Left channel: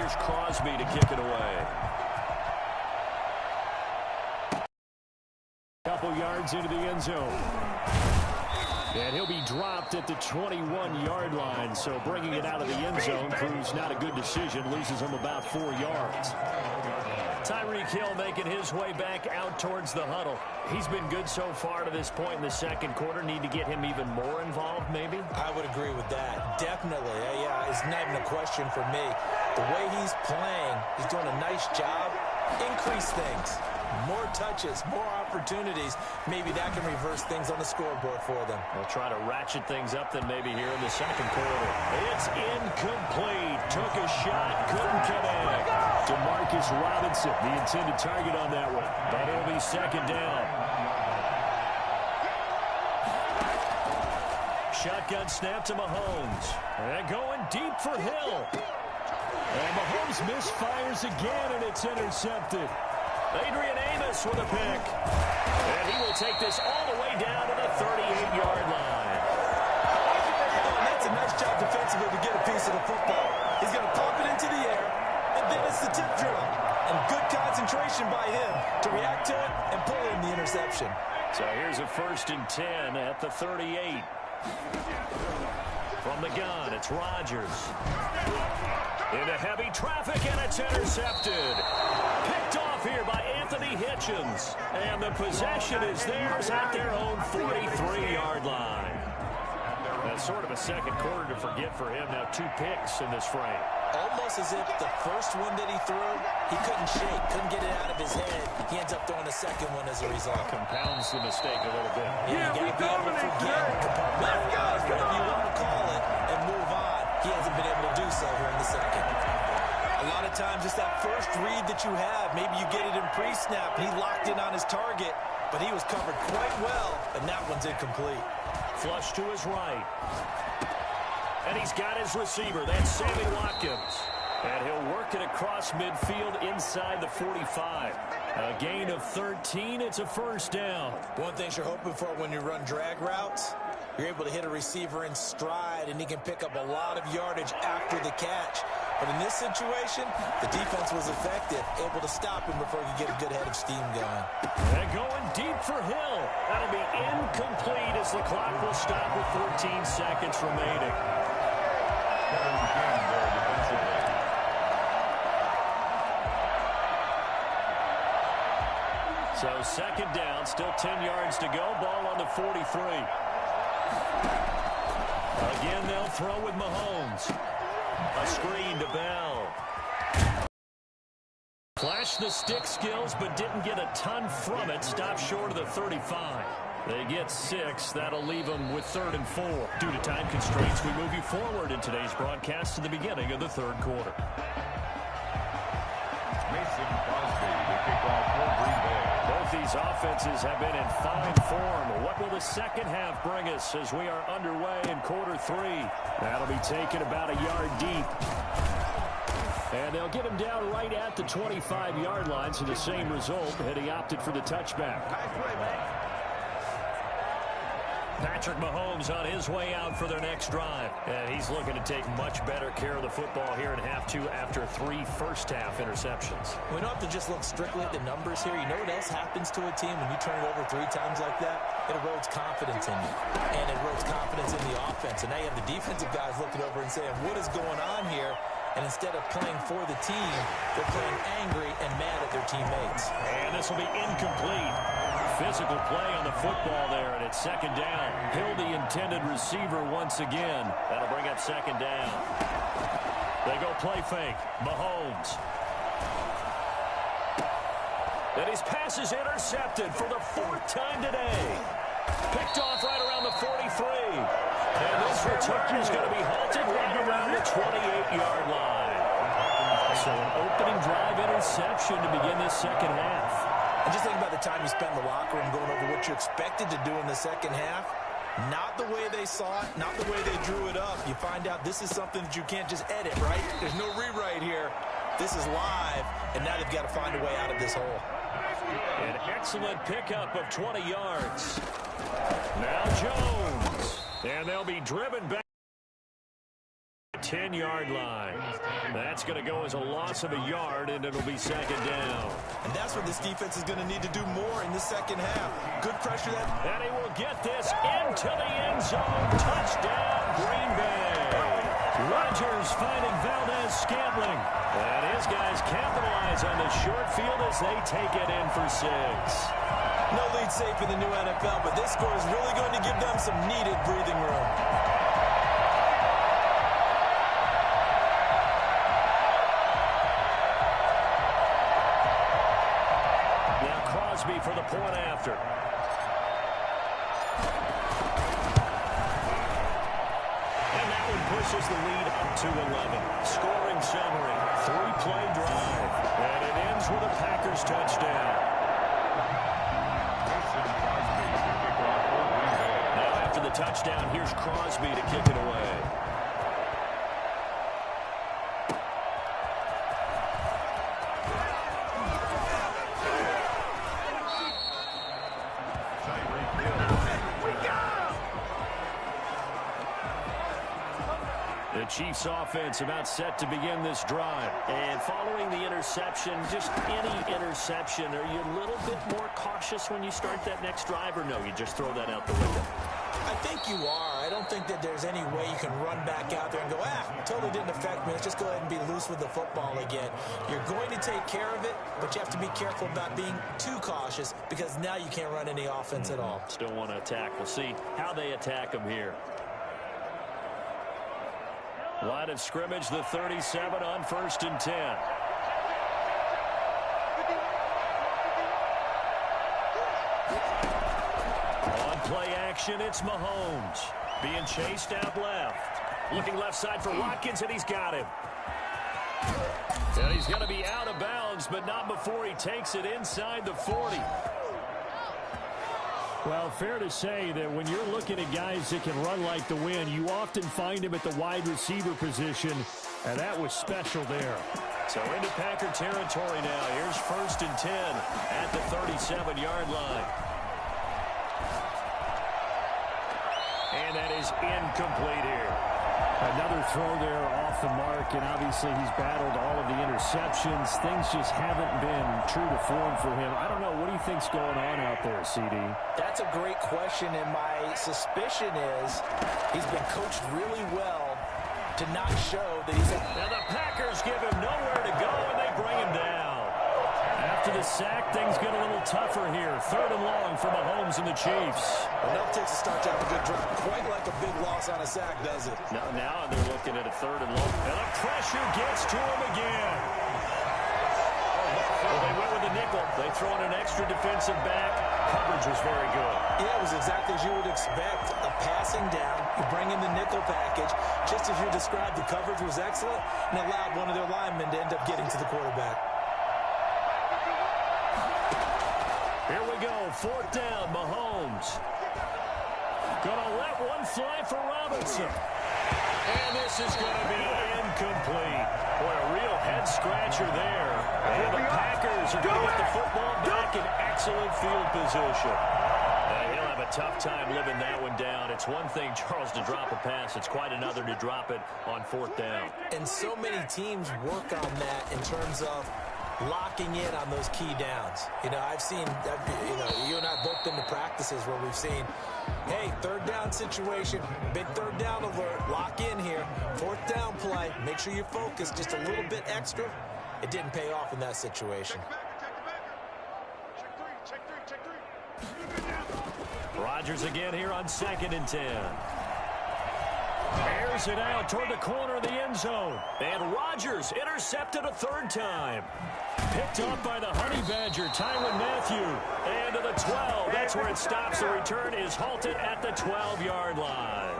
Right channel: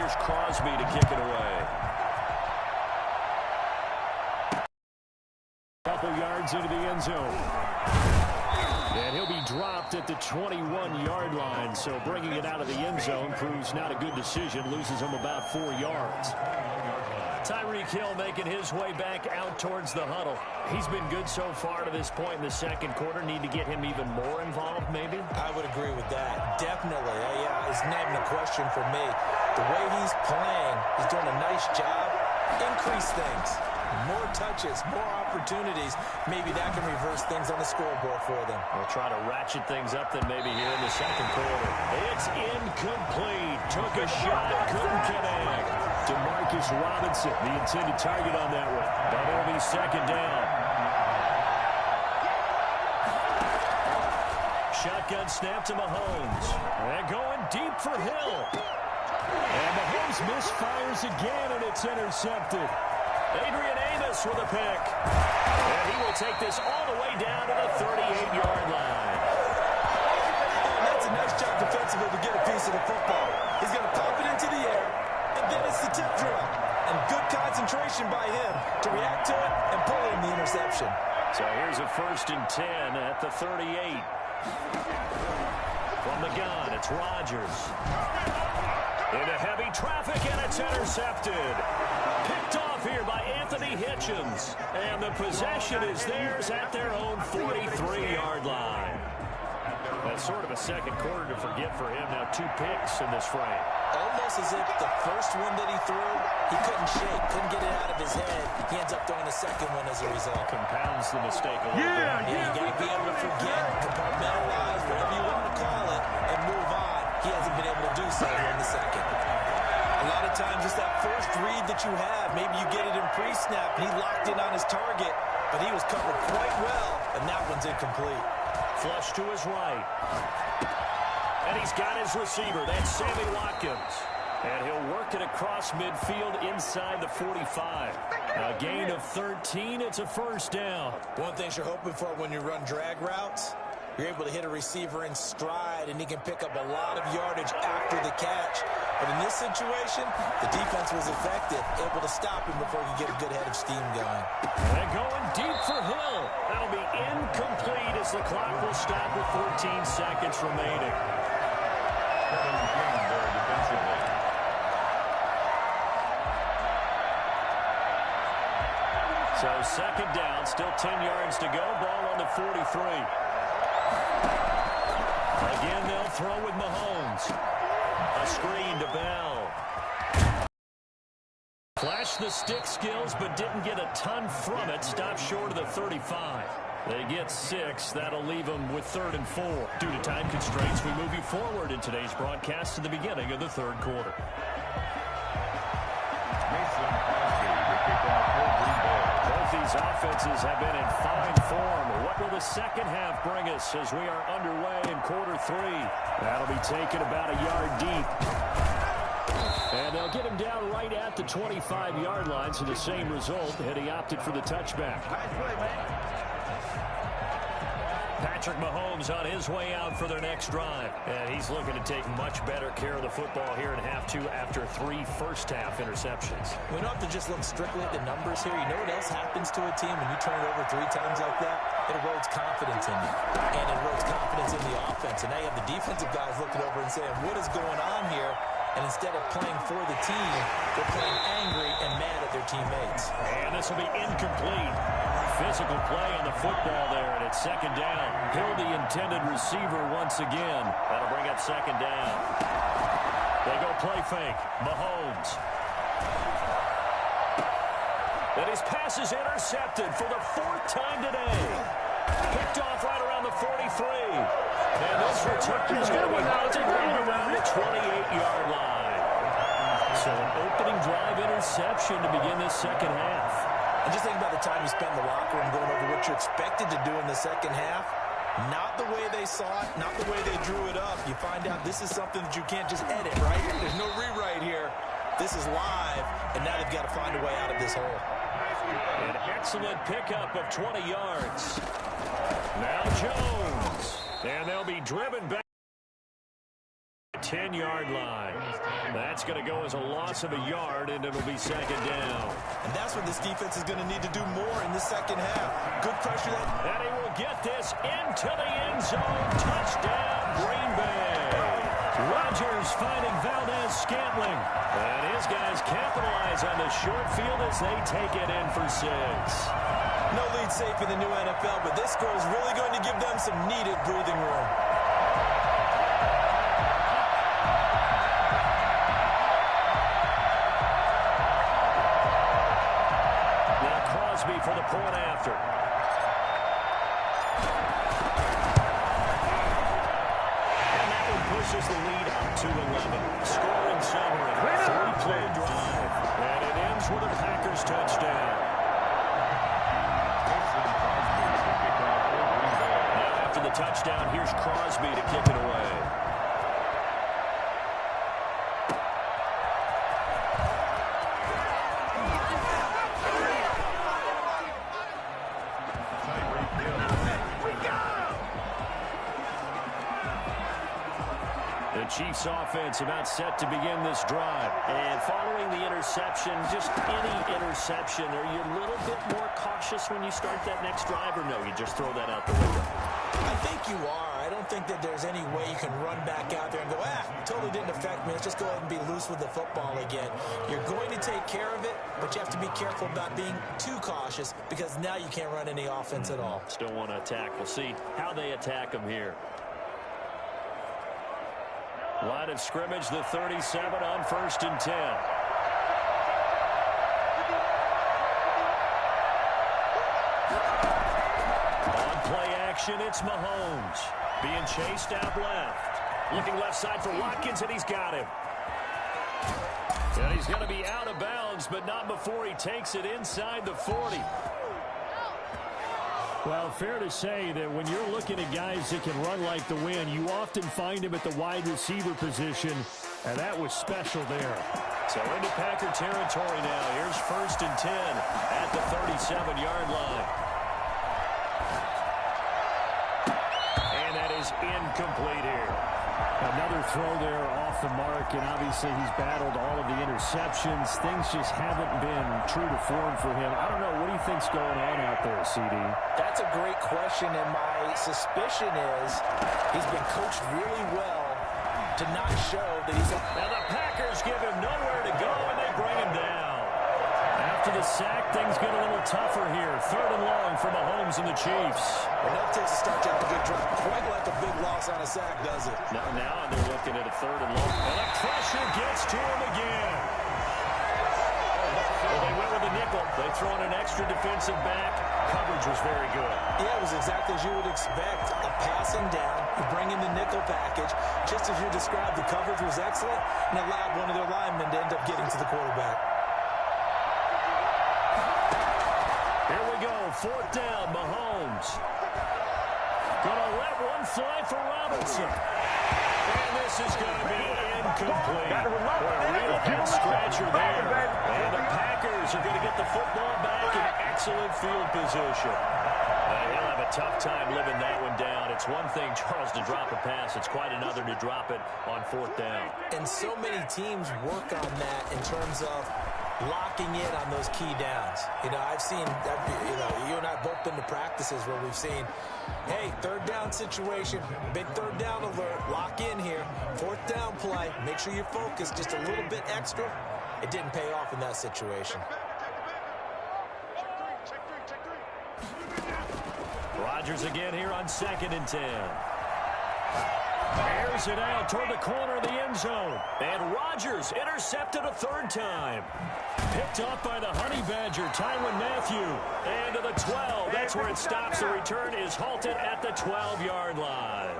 Here's Crosby to kick it away. Couple yards into the end zone. And he'll be dropped at the 21-yard line. So bringing it out of the end zone proves not a good decision. Loses him about 4 yards. Tyreek Hill making his way back out towards the huddle. He's been good so far to this point in the second quarter. Need to get him even more involved, maybe? I would agree with that. Definitely. Yeah, it's not even a question for me. The way he's playing, he's doing a nice job. Increase things. More touches, more opportunities. Maybe that can reverse things on the scoreboard for them. They'll try to ratchet things up then maybe here in the second quarter. It's incomplete. Took a shot, couldn't connect. Demarcus Robinson, the intended target on that one. But it'll be second down. Shotgun snap to Mahomes. And going deep for Hill. And Mahomes misfires again, and it's intercepted. Adrian Amos with a pick. And he will take this all the way down to the 38-yard line. Oh, and that's a nice job defensively to get a piece of the football. He's going to pop it into the air, and then it's the tip drill. And good concentration by him to react to it and pull in the interception. So here's a 1st and 10 at the 38. From the gun, it's Rodgers. Into heavy traffic, and it's intercepted. Picked off here by Anthony Hitchens. And the possession is theirs at their own 43-yard line. That's sort of a second quarter to forget for him. Now 2 picks in this frame. Almost as if the first one that he threw, he couldn't shake, couldn't get it out of his head. He ends up throwing a second one as a result. Compounds the mistake a little bit. Yeah, you got to be able to forget, compartmentalize, whatever you want to call it, and move on. He hasn't been able to do so here in the second. A lot of times, just that first read that you have, maybe you get it in pre-snap, and he locked in on his target, but he was covered quite well, and that one's incomplete. Flush to his right. And he's got his receiver. That's Sammy Watkins. And he'll work it across midfield inside the 45. A gain of 13. It's a first down. One thing you're hoping for when you run drag routes, you're able to hit a receiver in stride, and he can pick up a lot of yardage after the catch. But in this situation, the defense was effective, able to stop him before he could get a good head of steam going. And going deep for Hill. That'll be incomplete as the clock will stop with 14 seconds remaining. So second down, still 10 yards to go. Ball on the 43. Again, they'll throw with Mahomes. A screen to Bell. Flashed the stick skills, but didn't get a ton from it. Stopped short of the 35. They get 6. That'll leave them with 3rd and 4. Due to time constraints, we move you forward in today's broadcast to the beginning of the third quarter. Mason Crosby, the kickoff for Green Bay. Both these offenses have been in fine form. What will the second half bring us as we are underway in quarter 3? That'll be taken about a yard deep. And they'll get him down right at the 25-yard line, so the same result, had he opted for the touchback. Nice play, man. Patrick Mahomes on his way out for their next drive. And he's looking to take much better care of the football here in half 2 after 3 first-half interceptions. We don't have to just look strictly at the numbers here. You know what else happens to a team when you turn it over 3 times like that? It erodes confidence in you. And it erodes confidence in the offense. And now you have the defensive guys looking over and saying, what is going on here? And instead of playing for the team, they're playing angry and mad at their teammates. And this will be incomplete. Physical play on the football there, and it's second down. Hill, the intended receiver once again. That'll bring up second down. They go play fake. Mahomes. And his pass is intercepted for the 4th time today. Picked off right around the 43. And this return is going to be hunted right around the 28-yard line. So an opening drive interception to begin this second half. And just think about the time you spend in the locker room going over what you're expected to do in the second half. Not the way they saw it, not the way they drew it up. You find out this is something that you can't just edit, right? There's no rewrite here. This is live, and now they've got to find a way out of this hole. An excellent pickup of 20 yards. Now Jones. And they'll be driven back. 10-yard line. That's going to go as a loss of a yard, and it'll be second down. And that's what this defense is going to need to do more in the second half. Good pressure. And he will get this into the end zone. Touchdown, Green Bay. Rodgers finding Valdez-Scantling. And his guys capitalize on the short field as they take it in for 6. No lead safe in the new NFL, but this score is really going to give them some needed breathing room. Now Crosby for the point after. And that one pushes the lead up to 11. Scoring summary, 3-play drive. And it ends with a Packers touchdown. Now after the touchdown, here's Crosby to kick it away. The Chiefs offense about set to begin this drive. And following the interception, just any interception, are you a little bit more cautious when you start that next drive, or no, you just throw that out the window? I think you are. I don't think that there's any way you can run back out there and go, totally didn't affect me. Let's just go ahead and be loose with the football again. You're going to take care of it, but you have to be careful about being too cautious because now you can't run any offense at all. Still want to attack. We'll see how they attack them here. Line of scrimmage, the 37 on 1st and 10. On play action, it's Mahomes. Being chased out left. Looking left side for Watkins, and he's got him. And he's going to be out of bounds, but not before he takes it inside the 40. Well, fair to say that when you're looking at guys that can run like the wind, you often find him at the wide receiver position, and that was special there. So into Packer territory now. Here's 1st and 10 at the 37-yard line. And that is incomplete here. Another throw there off the mark, and obviously he's battled all of the interceptions. Things just haven't been true to form for him. I don't know. What do you think's going on out there, CD? That's a great question, and my suspicion is he's been coached really well to not show that he's... Now the Packers give him nowhere to go, and they bring him down. After the sack, things get a little tougher here. 3rd and long for Mahomes and the Chiefs. Enough takes to start you out a good drive. Quite like a big loss on a sack, does it? Now they're looking at a 3rd and long. And the pressure gets to him again. Well, they went with the nickel. They throw in an extra defensive back. Coverage was very good. Yeah, it was exactly as you would expect. A passing down. You bring in the nickel package. Just as you described, the coverage was excellent and allowed one of their linemen to end up getting to the quarterback. Here we go. 4th down, Mahomes. Gonna let one fly for Robinson. And this is going to be incomplete. Boy, a real head-scratcher there. And the Packers are going to get the football back in excellent field position. He'll have a tough time living that one down. It's one thing, Charles, to drop a pass. It's quite another to drop it on 4th down. And so many teams work on that in terms of locking in on those key downs. You know, I've seen, you and I have both been to practices where we've seen, hey, 3rd down situation, big 3rd down alert, lock in here, 4th down play, make sure you focus just a little bit extra. It didn't pay off in that situation. Rodgers again here on 2nd and 10. Airs it out toward the corner of the end zone. And Rodgers intercepted a 3rd time. Picked up by the Honey Badger, Tyrann Mathieu. And to the 12. That's where it stops. The return is halted at the 12-yard line.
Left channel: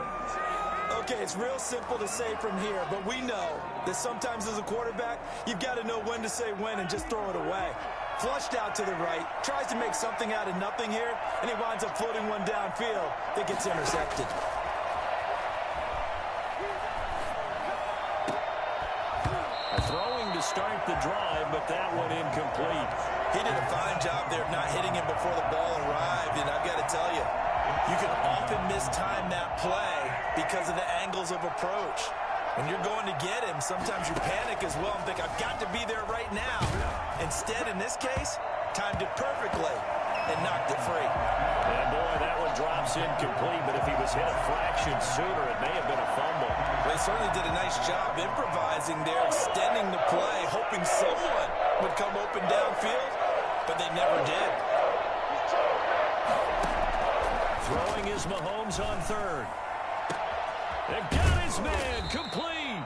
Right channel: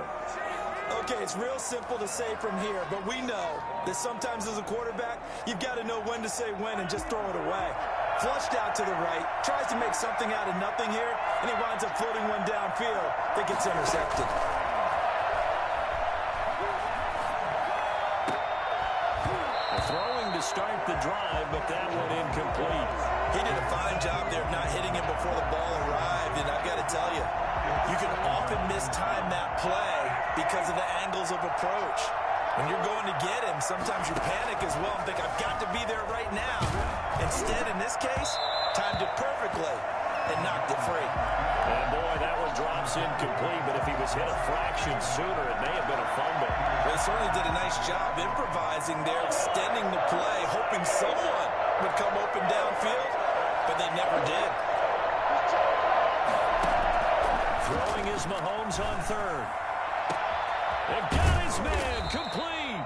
Okay, it's real simple to say from here, but we know that sometimes as a quarterback, you've got to know when to say when and just throw it away. Flushed out to the right, tries to make something out of nothing here, and he winds up floating one downfield that gets intercepted. Throwing to start the drive, but that one incomplete. He did a fine job there of not hitting him before the ball arrived, and I've got to tell you, you can often mistime that play because of the angles of approach. When you're going to get him, sometimes you panic as well and think, I've got to be there right now. Instead, in this case, timed it perfectly and knocked it free. And boy, that one drops incomplete, but if he was hit a fraction sooner, it may have been a fumble. They certainly did a nice job improvising there, extending the play, hoping someone would come open downfield, but they never did. Throwing is Mahomes on third. They've got his man complete.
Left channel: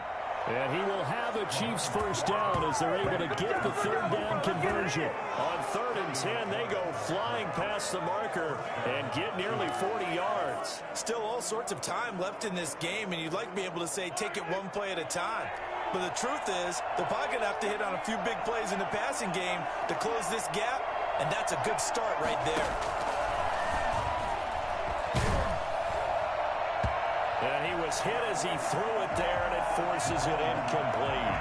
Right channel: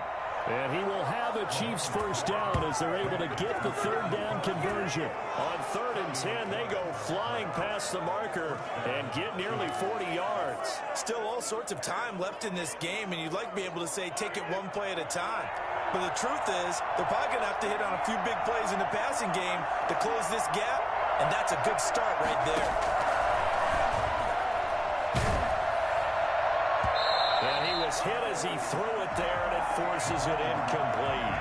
And he will have a Chiefs first down as they're able to get the third down conversion. On 3rd and 10, they go flying past the marker and get nearly 40 yards. Still all sorts of time left in this game, and you'd like to be able to say take it one play at a time. But the truth is, they're probably going to have to hit on a few big plays in the passing game to close this gap, and that's a good start right there. And he was hit as he threw it there, and it forces it incomplete.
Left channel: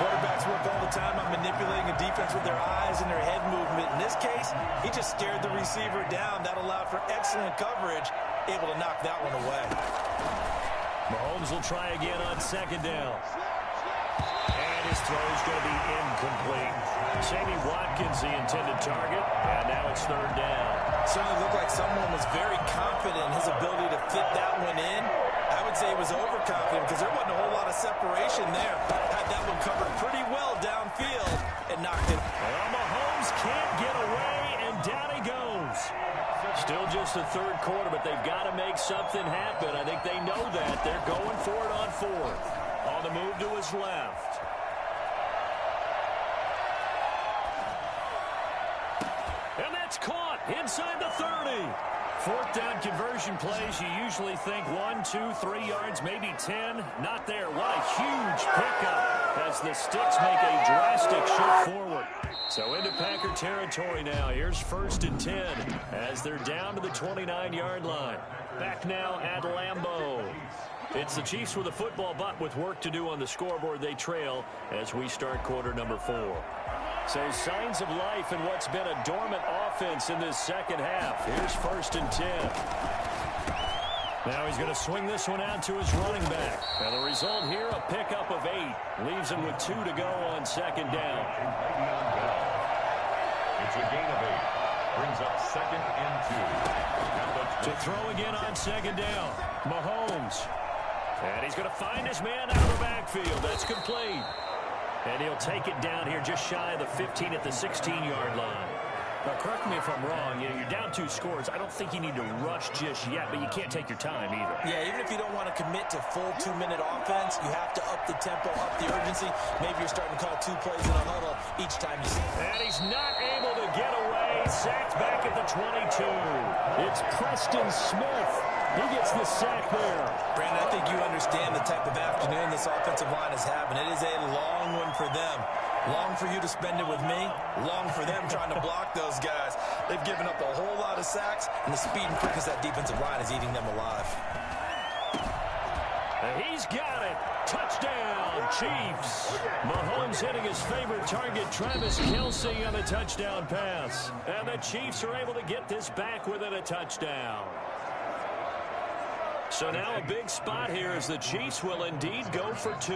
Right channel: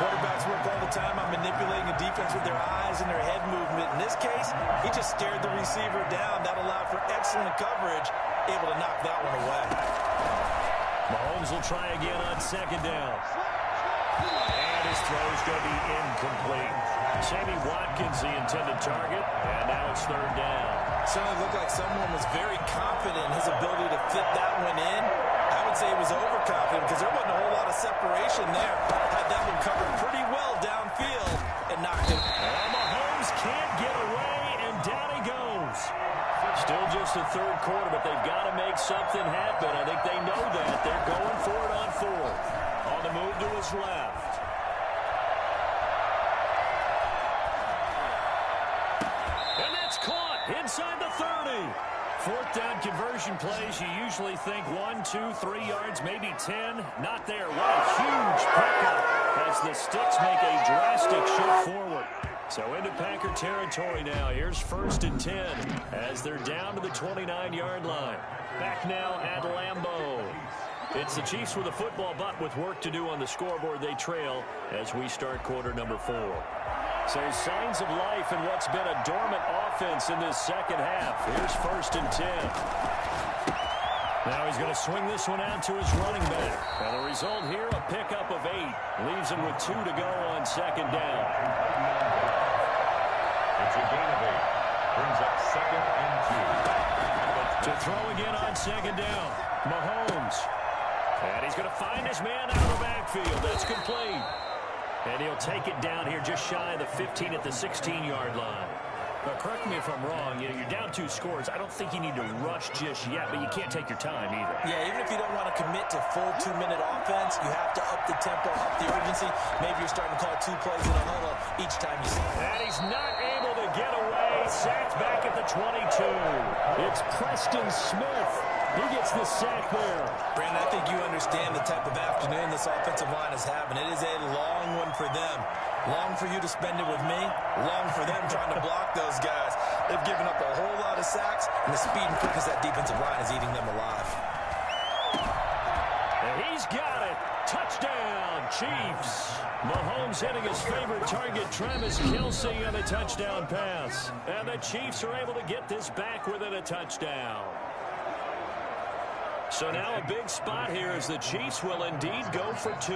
Quarterbacks work all the time on manipulating a defense with their eyes and their head movement. In this case, he just stared the receiver down. That allowed for excellent coverage, able to knock that one away. Mahomes will try again on 2nd down. And his throw's going to be incomplete. Sammy Watkins, the intended target, and now it's 3rd down. Certainly looked like someone was very confident in his ability to fit that one in. I would say he was overconfident because there wasn't a whole lot of separation there. Had that one covered pretty well downfield and knocked it. Well, Mahomes can't get away, and down he goes. Still just the 3rd quarter, but they've got to make something happen. I think they know that. They're going for it on 4th. On the move to his left. And that's caught inside the 30. 4th down conversion plays, you usually think 1, 2, 3 yards, maybe 10. Not there. What a huge pickup as the Sticks make a drastic shift forward. So into Packer territory now. Here's 1st and 10 as they're down to the 29-yard line. Back now at Lambeau. It's the Chiefs with a football, but with work to do on the scoreboard, they trail as we start quarter number 4. So signs of life in what's been a dormant offense in this second half. Here's 1st and 10. Now he's going to swing this one out to his running back. And the result here, a pickup of 8. Leaves him with 2 to go on 2nd down. It's a gain of 8. Brings up 2nd and 2. To throw again on 2nd down. Mahomes. And he's going to find his man out of the backfield. That's complete. And he'll take it down here just shy of the 15 at the 16-yard line. Now, correct me if I'm wrong. You're down 2 scores. I don't think you need to rush just yet, but you can't take your time either. Yeah, even if you don't want to commit to full 2-minute offense, you have to up the tempo, up the urgency. Maybe you're starting to call 2 plays in a huddle each time you see it. And he's not able to get away. Sacked back at the 22. It's Preston Smith. He gets the sack there. Brandon, I think you understand the type of afternoon this offensive line is having. It is a long one for them. Long for you to spend it with me. Long for them trying to block those guys. They've given up a whole lot of sacks, and the speed and quickness of that defensive line is eating them alive. And he's got it. Touchdown, Chiefs. Mahomes hitting his favorite target, Travis Kelce, on a touchdown pass. And the Chiefs are able to get this back within a touchdown. So now a big spot here as the Chiefs will indeed go for 2.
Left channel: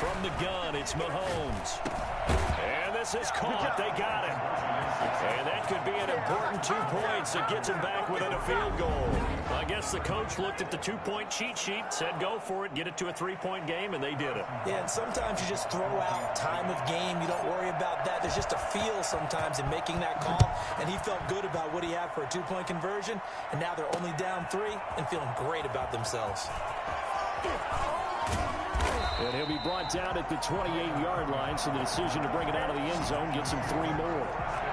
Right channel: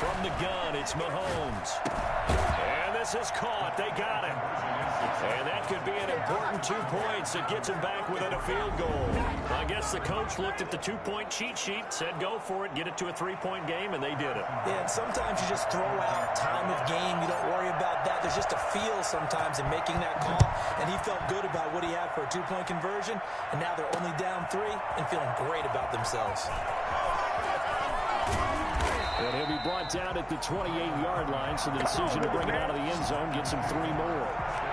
From the gun, it's Mahomes. And this is caught. They got it. And that could be an important 2 points that gets him back within a field goal. I guess the coach looked at the 2-point cheat sheet, said go for it, get it to a 3-point game, and they did it. Yeah, and sometimes you just throw out time of game. You don't worry about that. There's just a feel sometimes in making that call, and he felt good about what he had for a 2-point conversion, and now they're only down 3 and feeling great about themselves. And he'll be brought down at the 28-yard line, so the decision to bring it out of the end zone gets him 3 more.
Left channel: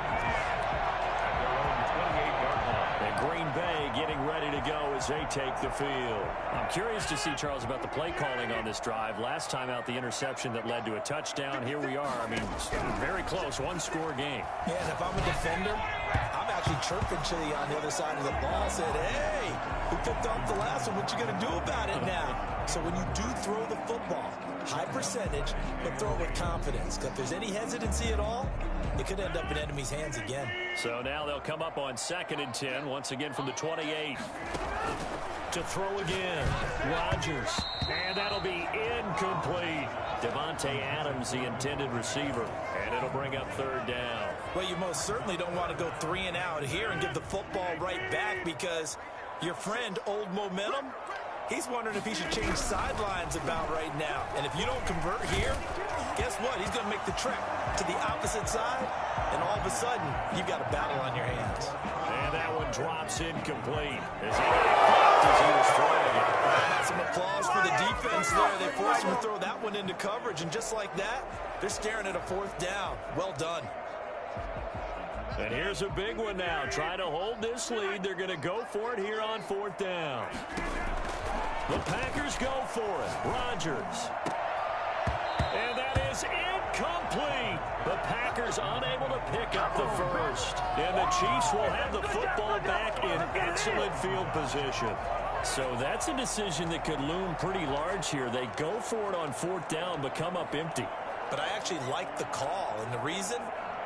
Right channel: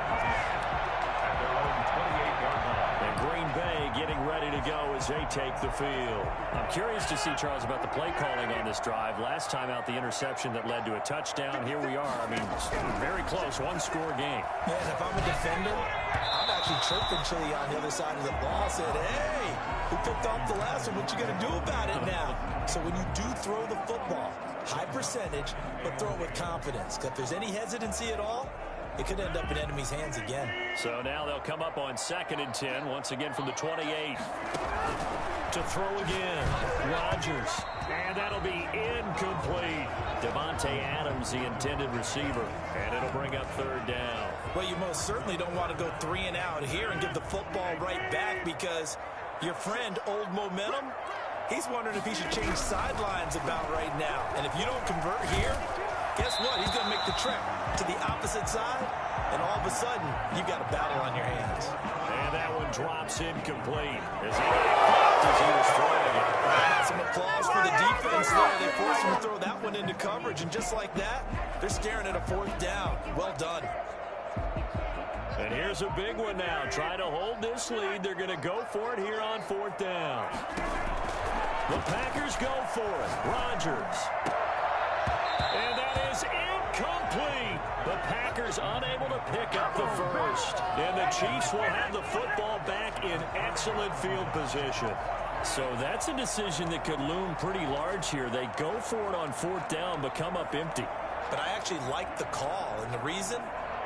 At their own 28-yard line. And Green Bay getting ready to go as they take the field. I'm curious to see, Charles, about the play calling on this drive. Last time out, the interception that led to a touchdown. Here we are. I mean, very close, 1-score game. Yeah, and if I'm a defender, I'm actually chirping Chili on the other side of the ball. Said, hey, who picked off the last one? What you going to do about it now? So when you do throw the football, high percentage, but throw it with confidence. Because if there's any hesitancy at all, it could end up in enemy's hands again. So now they'll come up on 2nd and 10, once again from the 28. To throw again, Rodgers. And that'll be incomplete. Davante Adams, the intended receiver. And it'll bring up 3rd down. Well, you most certainly don't want to go 3 and out here and give the football right back, because your friend, Old Momentum, he's wondering if he should change sidelines about right now. And if you don't convert here, guess what? He's going to make the trek to the opposite side, and all of a sudden, you've got a battle on your hands. And that one drops incomplete as he got caught as he was throwing it. Some applause for the defense there. They forced him to throw that one into coverage, and just like that, they're staring at a 4th down. Well done. And here's a big one now. Trying to hold this lead. They're going to go for it here on 4th down. The Packers go for it. Rodgers. And that is incomplete. The Packers unable to pick up the first. And the Chiefs will have the football back in excellent field position. So that's a decision that could loom pretty large here. They go for it on 4th down, but come up empty. But I actually like the call, and the reason?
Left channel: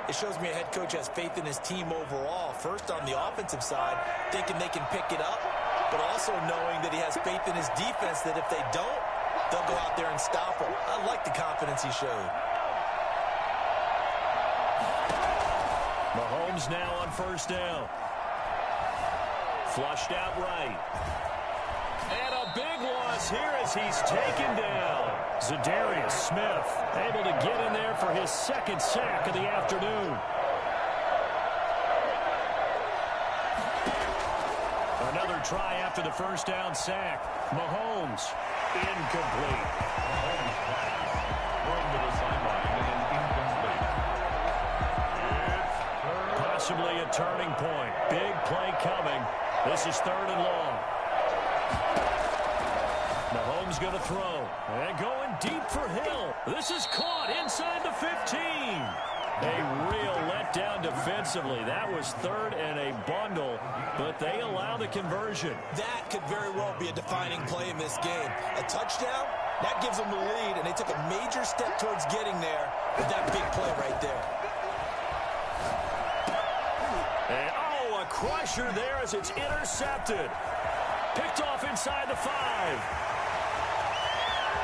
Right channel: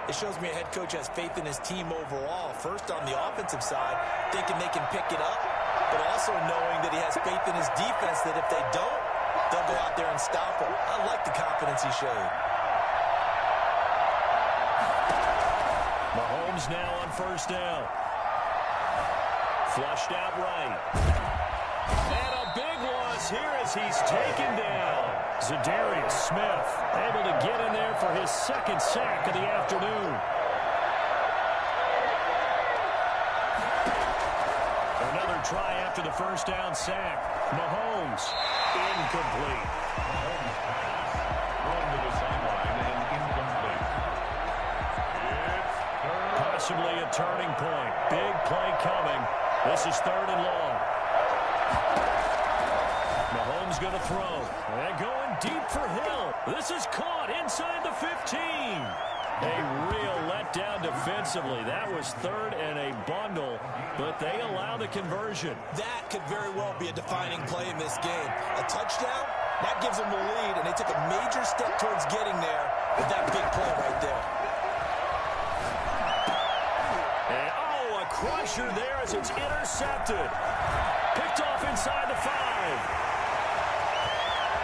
It shows me a head coach has faith in his team overall. First on the offensive side, thinking they can pick it up, but also knowing that he has faith in his defense that if they don't, they'll go out there and stop him. I like the confidence he showed. Mahomes now on 1st down. Flushed out right. And a big loss here as he's taken down. Zadarius Smith able to get in there for his 2nd sack of the afternoon. Another try after the 1st down sack. Mahomes, incomplete. Mahomes pass thrown to the sideline and incomplete. It's 3rd. Possibly a turning point. Big play coming. This is 3rd and long. Mahomes going to throw. And going deep for Hill. This is caught inside the 15. A real letdown defensively. That was 3rd and a bundle, but they allow the conversion. That could very well be a defining play in this game. A touchdown, that gives them the lead, and they took a major step towards getting there with that big play right there. And, a crusher there as it's intercepted. Picked off inside the 5.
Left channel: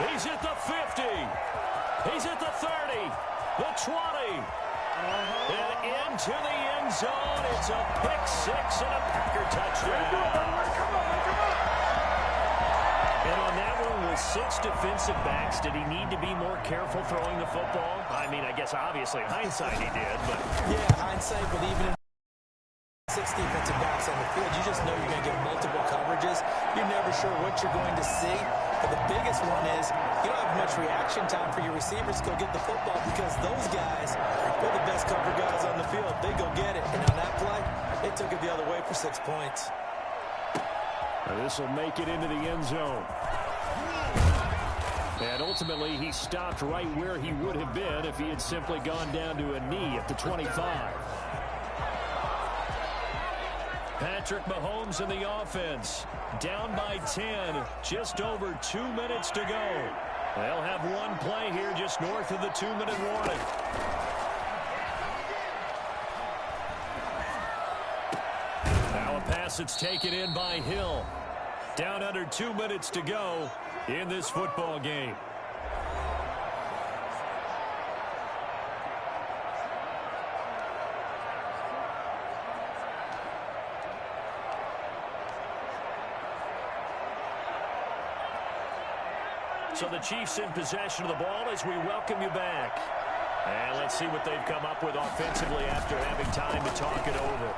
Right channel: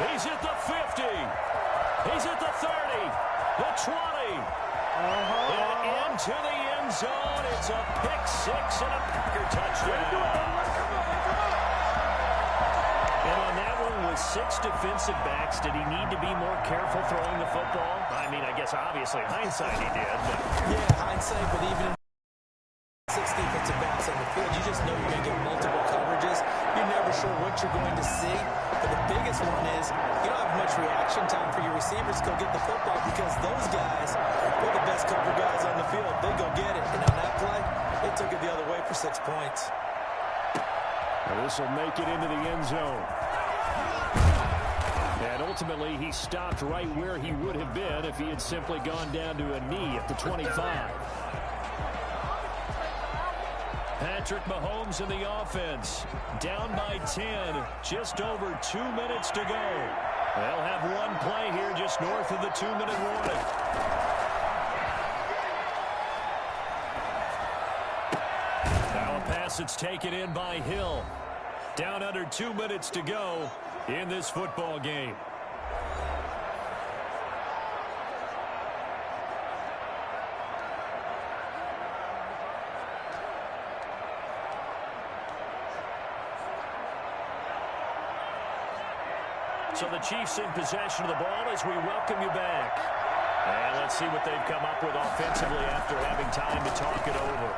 He's at the 50. He's at the 30. The 20. And into the end zone. It's a pick-6 and a Packer touchdown. And on that one, with 6 defensive backs, did he need to be more careful throwing the football? I mean, I guess obviously hindsight he did. But yeah, hindsight, but even in 6 defensive backs on the field, you just know you're going to get multiple coverages. You're never sure what you're going to see. But the biggest one is you don't have much reaction time for your receivers to go get the football, because those guys, they're the best cover guys on the field. They go get it. And on that play, they took it the other way for 6 points. This will make it into the end zone. And ultimately, he stopped right where he would have been if he had simply gone down to a knee at the 25. Patrick Mahomes in the offense. Down by 10. Just over 2 minutes to go. They'll have one play here just north of the 2-minute warning. Now a pass that's taken in by Hill. Down under 2 minutes to go in this football game. So the Chiefs in possession of the ball as we welcome you back. And let's see what they've come up with offensively after having time to talk it over.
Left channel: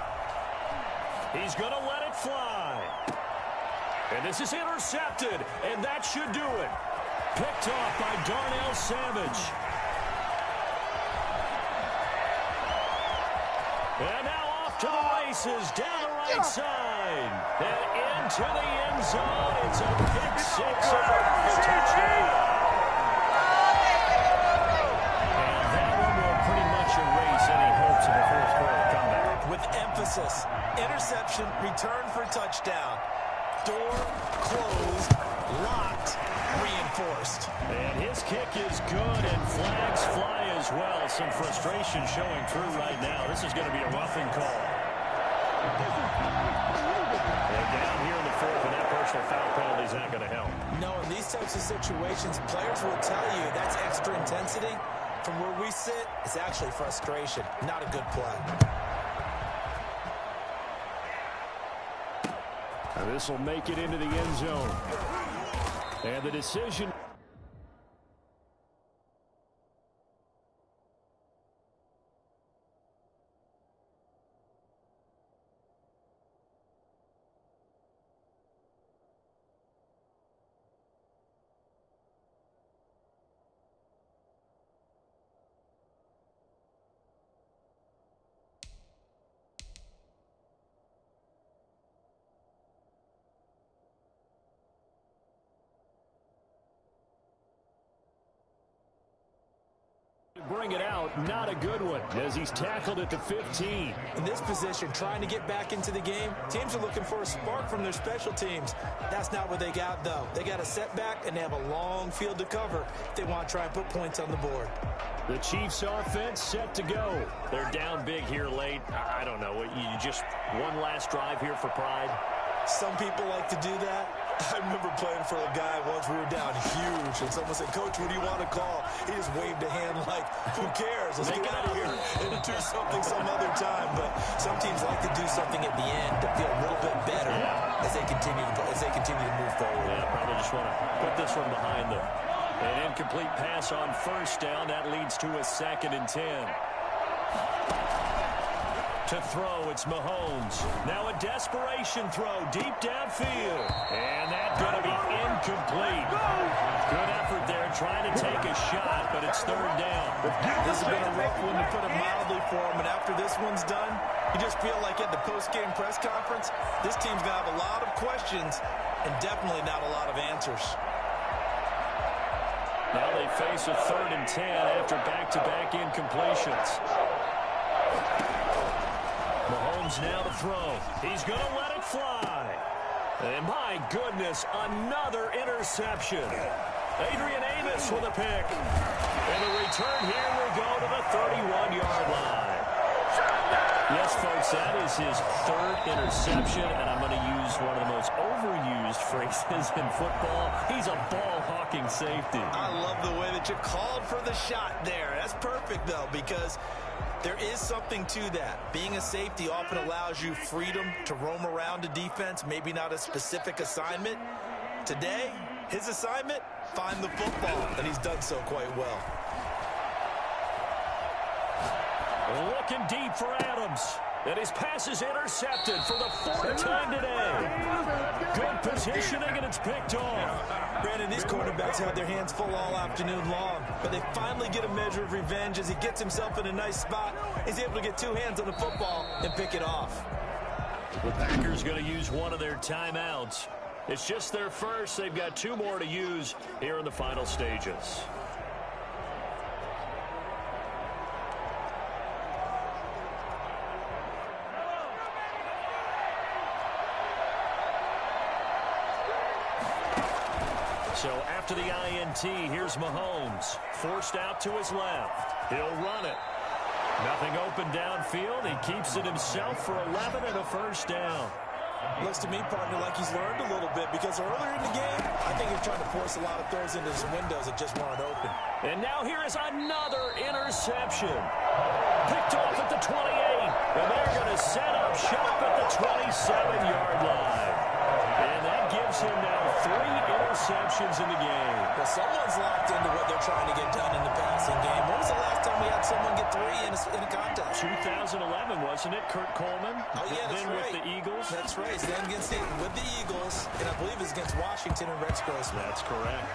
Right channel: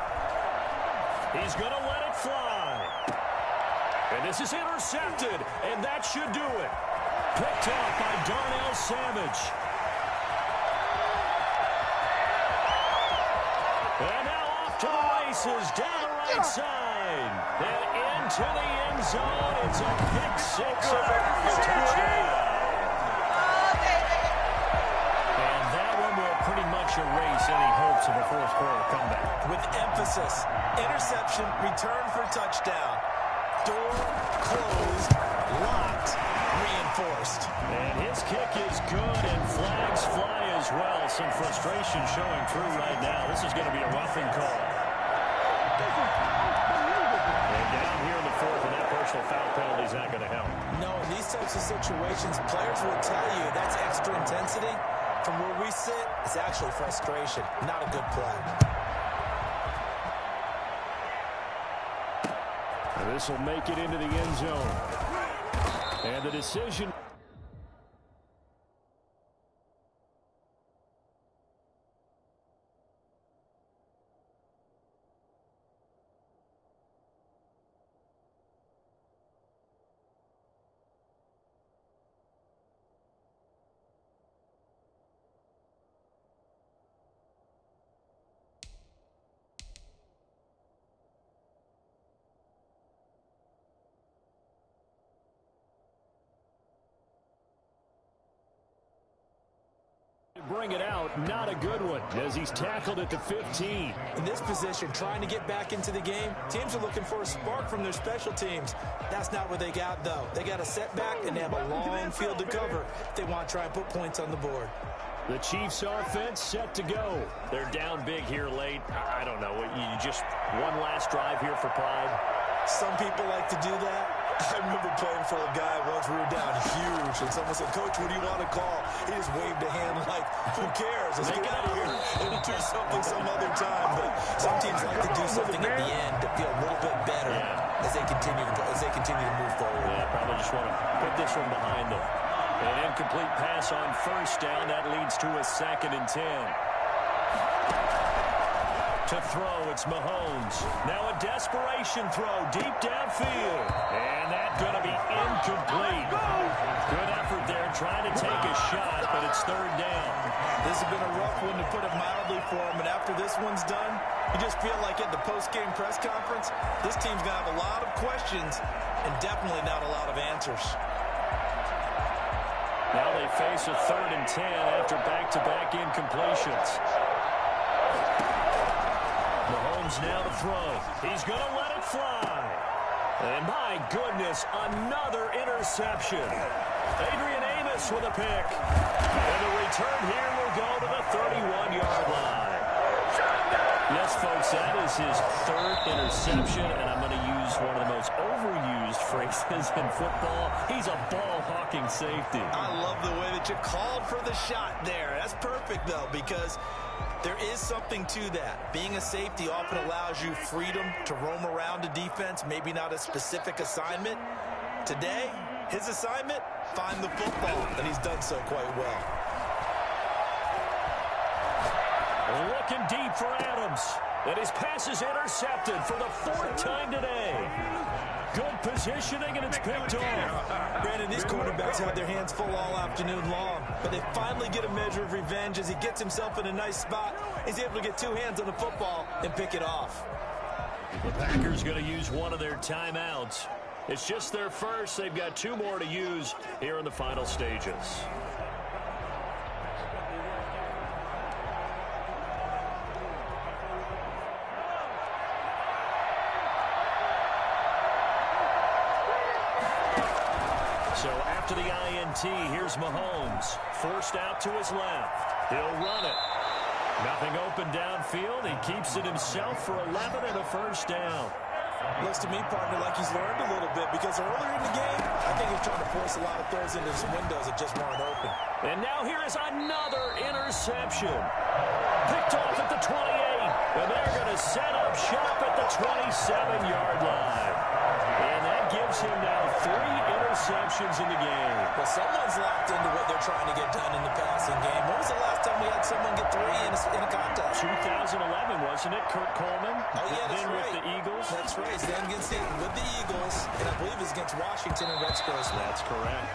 He's going to let it fly. And this is intercepted, and that should do it. Picked off by Darnell Savage. And now off to the races, down the right side. And into the end zone. It's a pick-6 and a touchdown. And that one will pretty much erase any hopes of a fourth-quarter comeback. With emphasis, interception, return for touchdown. Door closed, Locked. Reinforced. And his kick is good, and flags fly as well. Some frustration showing through right now. This is going to be a roughing call. And down here in the fourth, and that personal foul penalty is not going to help. No, in these types of situations, players will tell you that's extra intensity. From where we sit, it's actually frustration, not a good play. And this will make it into the end zone. And the decision... bring it out, not a good one, as he's tackled at the 15. In this position, trying to get back into the game, teams are looking for a spark from their special teams. That's not what they got, though. They got a setback, and they have a long field to cover if they want to try and put points on the board. The Chiefs offense set to go. They're down big here late. I don't know. You just one last drive here for pride? Some people like to do that. I remember playing for a guy once. We were down huge, and someone said, "Coach, what do you want to call?" He just waved a hand like, "Who cares? Let's get out of here and do something some other time." But some teams like to do something at the end to feel a little bit better as they continue to move forward. Yeah, probably just want to put this one behind them. An incomplete pass on first down. That leads to a 2nd and 10. To throw, it's Mahomes. Now a desperation throw deep downfield. And that's going to be incomplete. Good effort there trying to take a shot, but it's 3rd down. This has been a rough one, to put it mildly, for him. And after this one's done, you just feel like at the post-game press conference, this team's going to have a lot of questions and definitely not a lot of answers. Now they face a 3rd and 10 after back-to-back incompletions. Mahomes now to throw. He's going to let it fly. And my goodness, another interception. Adrian Amos with a pick. And the return here will go to the 31-yard line. Yes, folks, that is his 3rd interception, and I'm going to use one of the most overused phrases in football. He's a ball-hawking safety. I love the way that you called for the shot there. That's perfect, though, because there is something to that. Being a safety often allows you freedom to roam around a defense, maybe not a specific assignment. Today, his assignment, find the football, and he's done so quite well. Looking deep for Adams. And his pass is intercepted for the 4th time today. Good positioning, and it's picked off. Brandon, these quarterbacks had their hands full all afternoon long, but they finally get a measure of revenge as he gets himself in a nice spot. He's able to get 2 hands on the football and pick it off. The Packers going to use one of their timeouts. It's just their first. They've got 2 more to use here in the final stages. So after the INT, here's Mahomes. Forced out to his left. He'll run it. Nothing open downfield. He keeps it himself for 11 and a 1st down. Looks to me, partner, like he's learned a little bit, because earlier in the game, I think he was trying to force a lot of throws into some windows that just weren't open. And now here is another interception. Picked off at the 28. And they're going to set up shop at the 27-yard line. And that gives him now 3 interceptions in the game. Well, someone's locked into what they're trying to get done in the passing game. When was the last time we had someone get 3 in a contest? 2011, wasn't it? Kurt Coleman? Oh, yeah, that's then right. With the Eagles? That's right. Then with the Eagles, and I believe it's against Washington and Rex Grossman. That's correct.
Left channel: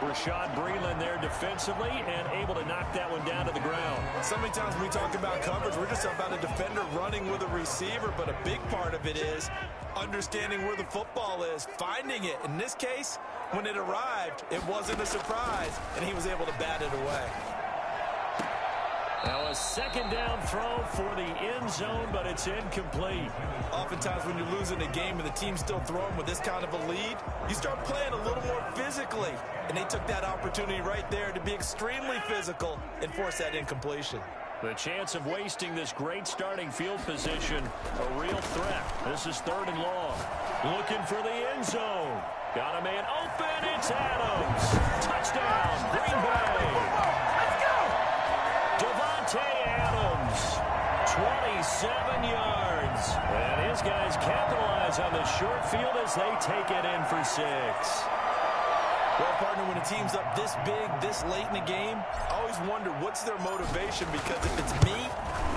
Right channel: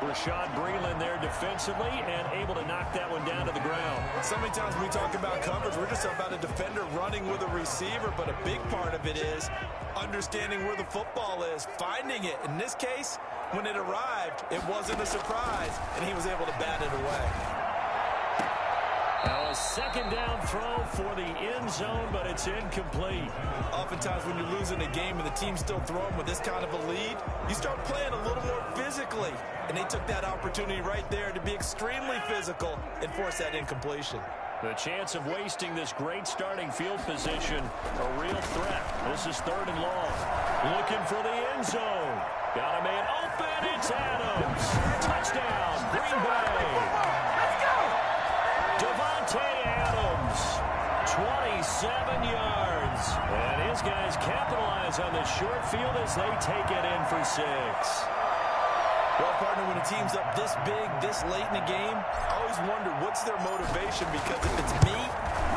Rashad Breeland there defensively and able to knock that one down to the ground. So many times when we talk about coverage, we're just about a defender running with a receiver, but a big part of it is understanding where the football is, finding it. In this case, when it arrived, it wasn't a surprise, and he was able to bat it away. Now a second down throw for the end zone, but it's incomplete. Oftentimes when you're losing a game and the team's still throwing with this kind of a lead, you start playing a little more physically. And they took that opportunity right there to be extremely physical and force that incompletion. The chance of wasting this great starting field position, a real threat. This is 3rd and long. Looking for the end zone. Got a man open. It's Adams. Touchdown, Green Bay. Let's go! Davante Adams, 27 yards. And his guys capitalize on the short field as they take it in for 6. Well, partner, when a team's up this big, this late in the game, I always wonder what's their motivation, because if it's me,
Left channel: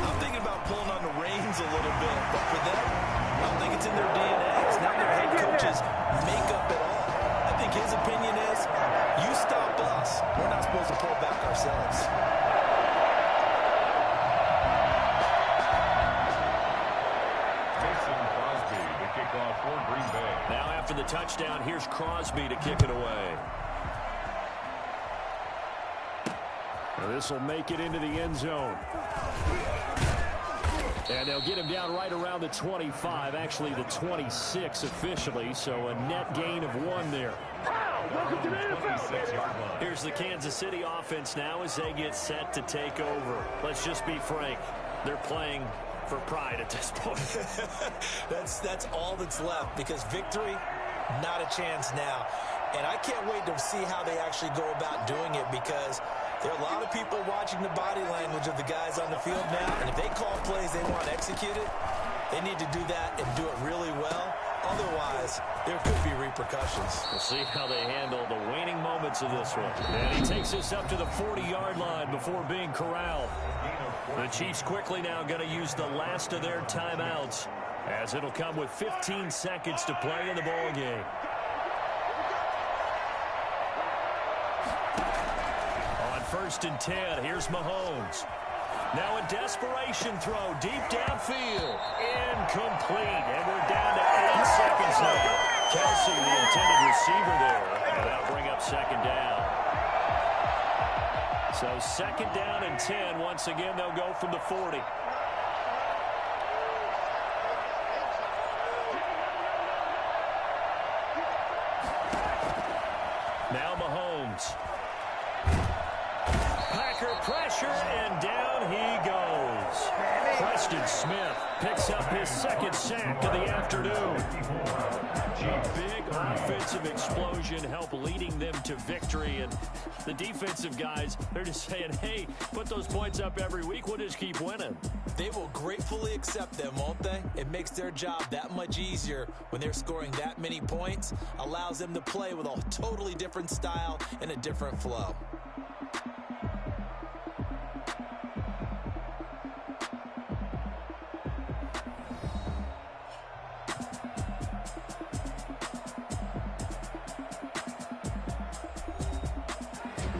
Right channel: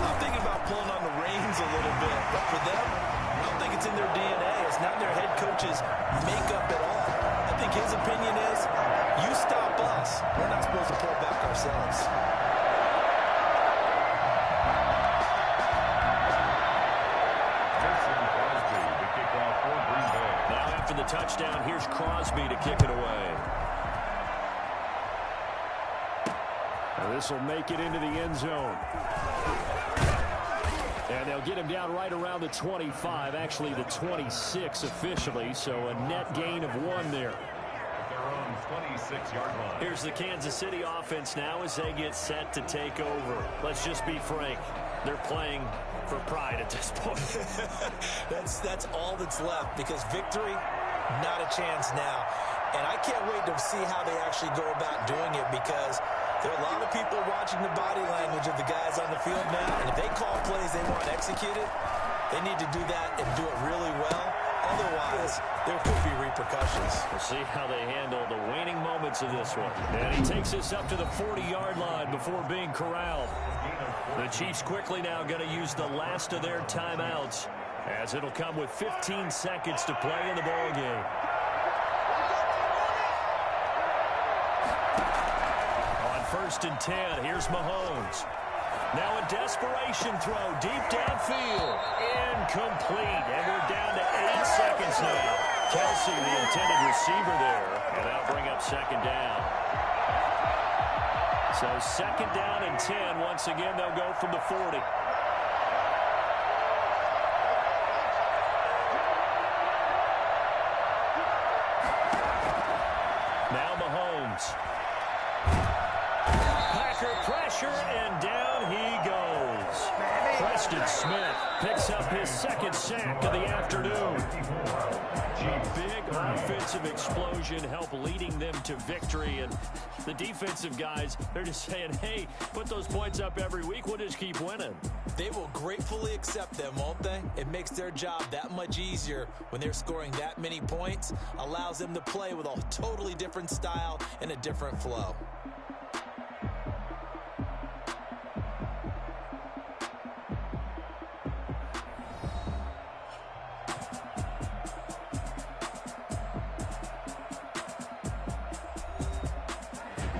I'm thinking about pulling on the reins a little bit. But for them, I don't think it's in their DNA. It's not in their head coach's makeup at all. I think his opinion is, you stop us, we're not supposed to pull back ourselves. Mason Crosby to kick off for Green Bay. Now after the touchdown, here's Crosby to kick it away. Now this will make it into the end zone. And they'll get him down right around the 25, actually the 26 officially, so a net gain of 1 there. Their own 26-yard line. Here's the Kansas City offense now as they get set to take over. Let's just be frank. They're playing for pride at this point. That's all that's left, because victory, not a chance now. And I can't wait to see how they actually go about doing it, because there are a lot of people watching the body language of the guys on the field now, and if they call plays they want executed, they need to do that and do it really well. Otherwise, there could be repercussions. We'll see how they handle the waning moments of this one. And he takes us up to the 40-yard line before being corralled. The Chiefs quickly now going to use the last of their timeouts, as it'll come with 15 seconds to play in the ball game. On 1st and 10, here's Mahomes. Now a desperation throw deep downfield. Incomplete. And we're down to 8 seconds now. Kelsey, the intended receiver there. And that'll bring up 2nd down. So 2nd down and 10. Once again, they'll go from the 40. Now Mahomes. Packer pressure, and down he goes. Preston Smith picks up his 2nd sack of the afternoon. A big offensive explosion help leading them to victory, and the defensive guys, they're just saying, hey, put those points up every week, we'll just keep winning. They will gratefully accept them, won't they? It makes their job that much easier when they're scoring that many points, allows them to play with a totally different style and a different flow.